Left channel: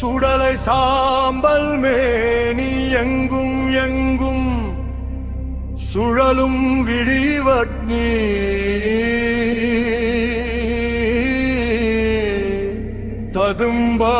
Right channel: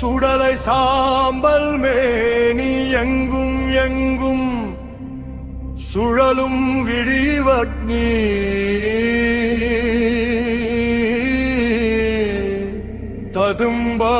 சுடலை சாம்பல் மேனி எங்கும் எங்கும் சுழலும் விழிவக்னி ததும்பா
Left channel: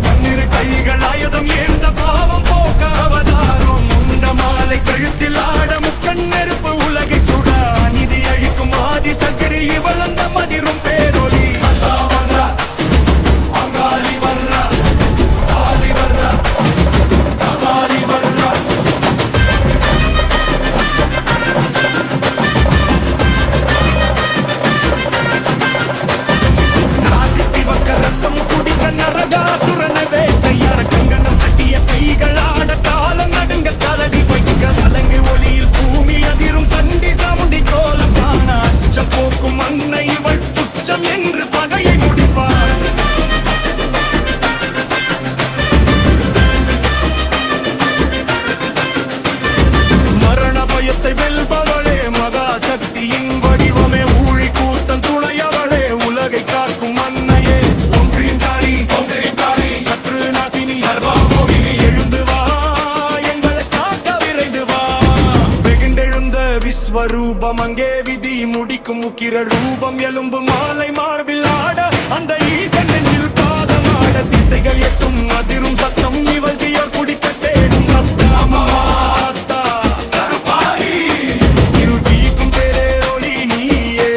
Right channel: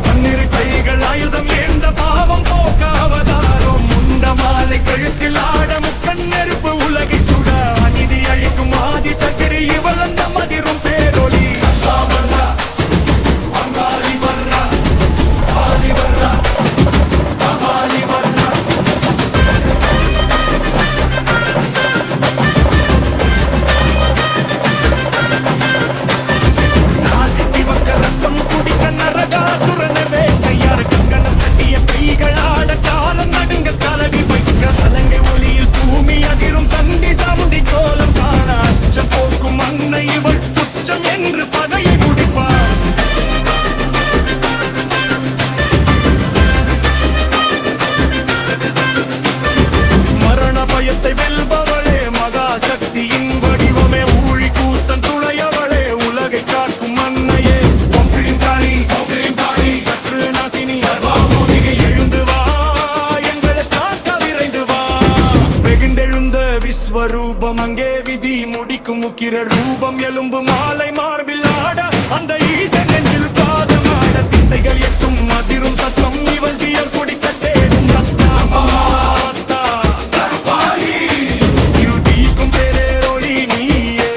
பன்னிரு கைகள் ஆயுதம் ஏந்த பாவம் போக்க அவதாரம் முண்ட மாலை கழுத்தில் ஆட முக்கண் நெருப்பு உலகை சுட அநீதி அழிக்கும் ஆதி சகிரி இவளந்த மதிரும் பேரொலி கைகளாட காலம் நடுங்க கலடி வைக்க சலங்கை ஒளியில் பூமி அதிரும் சண்டி சாமுண்டி கோலம் காண அச்சம் போக்கும் அன்னை இவள் துச்சம் என்று பகையை முடிப்பார் மரண பயத்தை வெல்பவளே மகாசக்தியின் வடிவமே ஊழி கூத்தன் துணையவளே உலகை காக்கும் அன்னையே ஒன்றின் காளி சத்ரு நாசினி எழுந்து வா எங்களை காக்க விரைந்து வா வெகுண்டெழுந்த விஸ்வரூபம் அங்கே விதி முடிக்கும் உக்கிர ரூபம் எலும்பு மாலை மார்பில் ஆட அந்த ஈசன் நெஞ்சில் பாதமாட திசைகள் எட்டும் அதிரும் சத்தம் இவள் தீயர் குடிக்க தேடும் ரத்தாமாத்தா இருள் வீக்கும் பேரொளி நீயே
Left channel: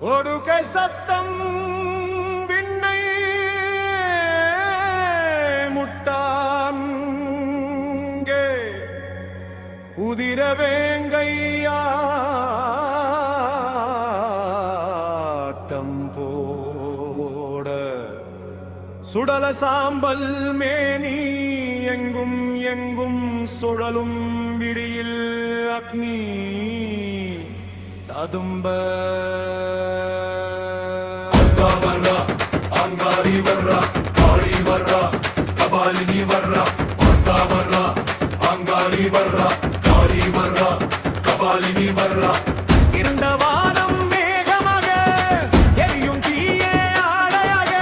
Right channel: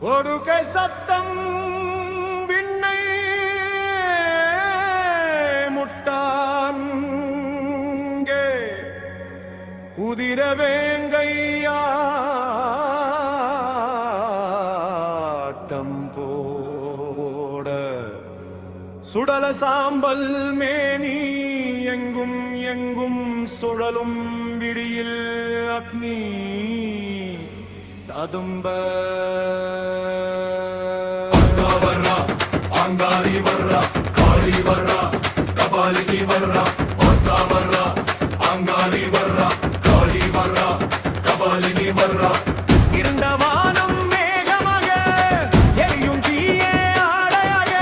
ஒடுக்கை சத்தம் விண்ணை முட்டான்கே உதிர வேங்கையாட்டம் போட சுடல சாம்பல் மேனி எங்கும் எங்கும் சுழலும் விடியில் அக்னி ததும்ப அங்காரி வர்றா காளி வர்றா கபாலினி வர்றா வர்றா அங்காரி வர்றா காளி வர்றா கபாலினி வர்றா இருண்ட வானம் மேகமாக எரியும் தீயே ஆடையாக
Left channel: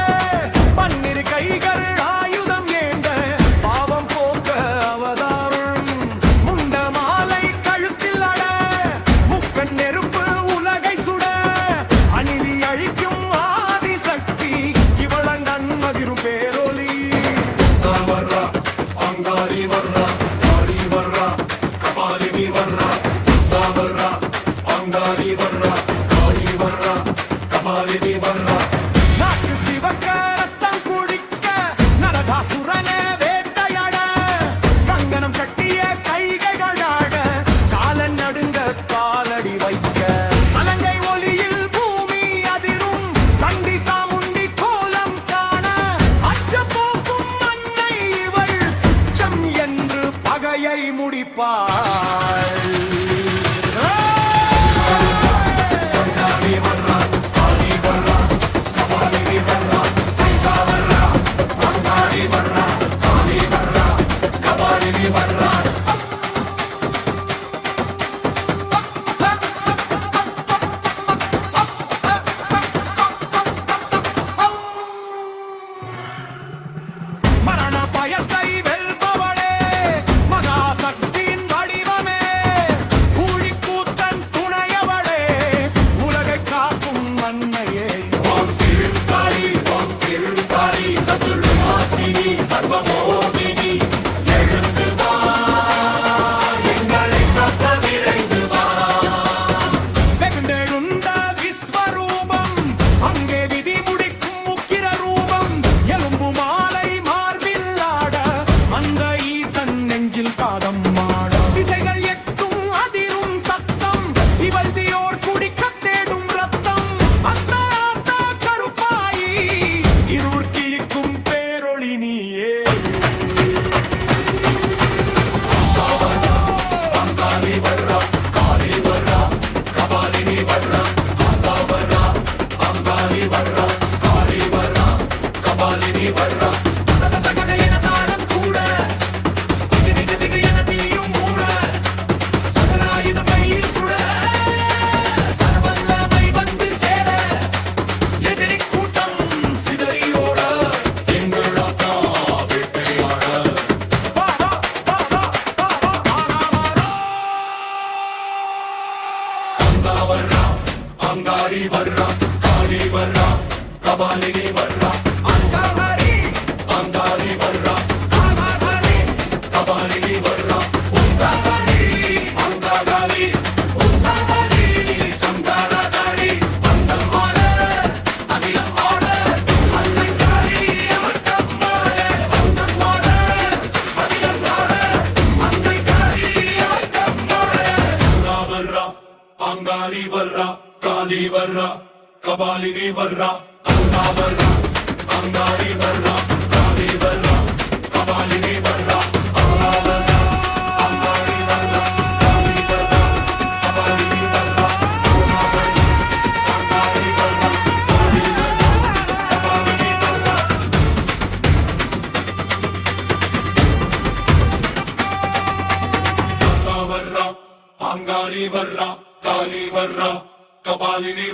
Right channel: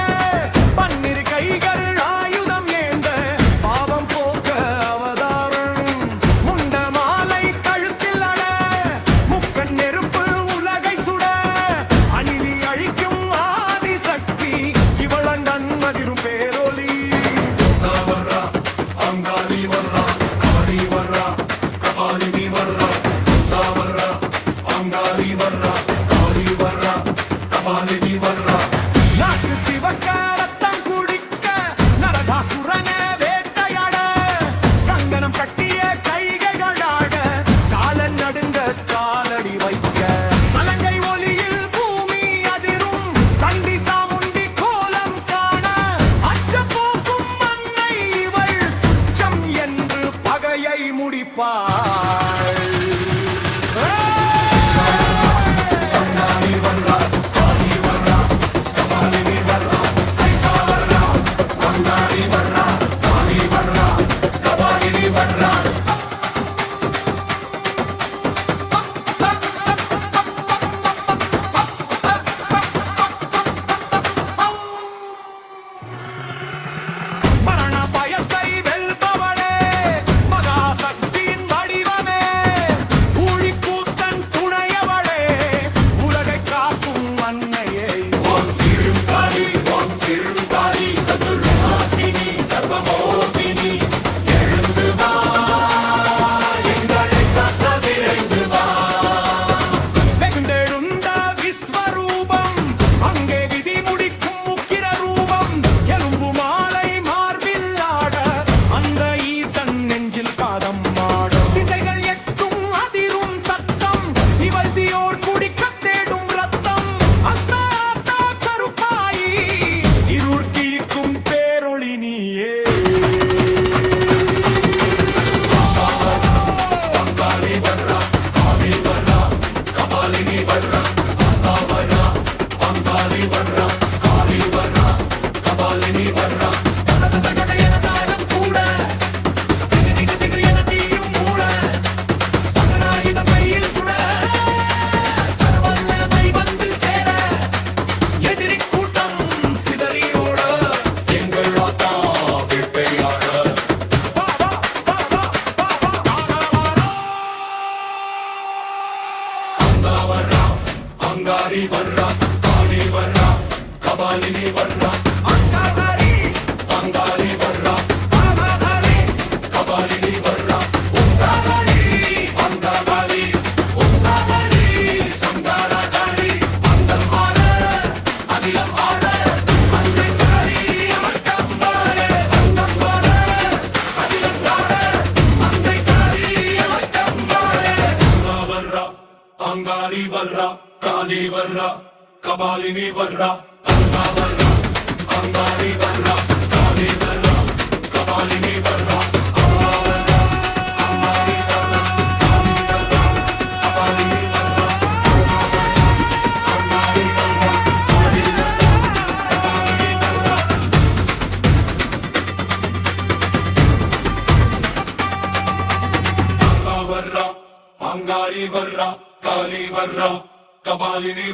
பன்னிரு கைகள் ஆயுதம் ஏந்த பாவம் போக்க அவதாரம் முண்ட மாலை கழுத்தில் அட முக்கண் நெருப்பு உலகை சுட அநீதி அழிக்கும் ஆதி சக்தி இவளங்கண் மதிரும் பேரொலி வர்றா அங்காரி வர்றா காளி வர்றா கபாலினி வர்றா வர்றா காலடி வைக்க சலங்கை ஒளியில் பூமி அதிரும் சண்டி சாமுண்டி கோலம் காண அச்ச போக்கும் அன்னை இவள் துச்சம் என்று பகையை முடிப்பாள் அங்காரி வர்றா காளி வர்றா கபாலினி வர்றா அங்காரி அங்காரி வர்றா காகாரி கபாலினி வர்றா உங்காரி அங்காரி உங்காரி சங்காரதாரி அந்தம் ஆட அகிலம் ஆட அன்னைக்காரி அமர்க்கம்மாளே அந்தம் ஆட அகிலம் ஆட அன்னைக்காரி அமர்க்கம்மாளே வர்றா அங்காரி வர்றா காளி வர்றா கபாலினி வர்றா அங்கா வர்றா அங்காரி வர்றா காளி வர்றா கபாலினி வர்றா அங்காரி வர்றா காளி வர்றா கபாலினி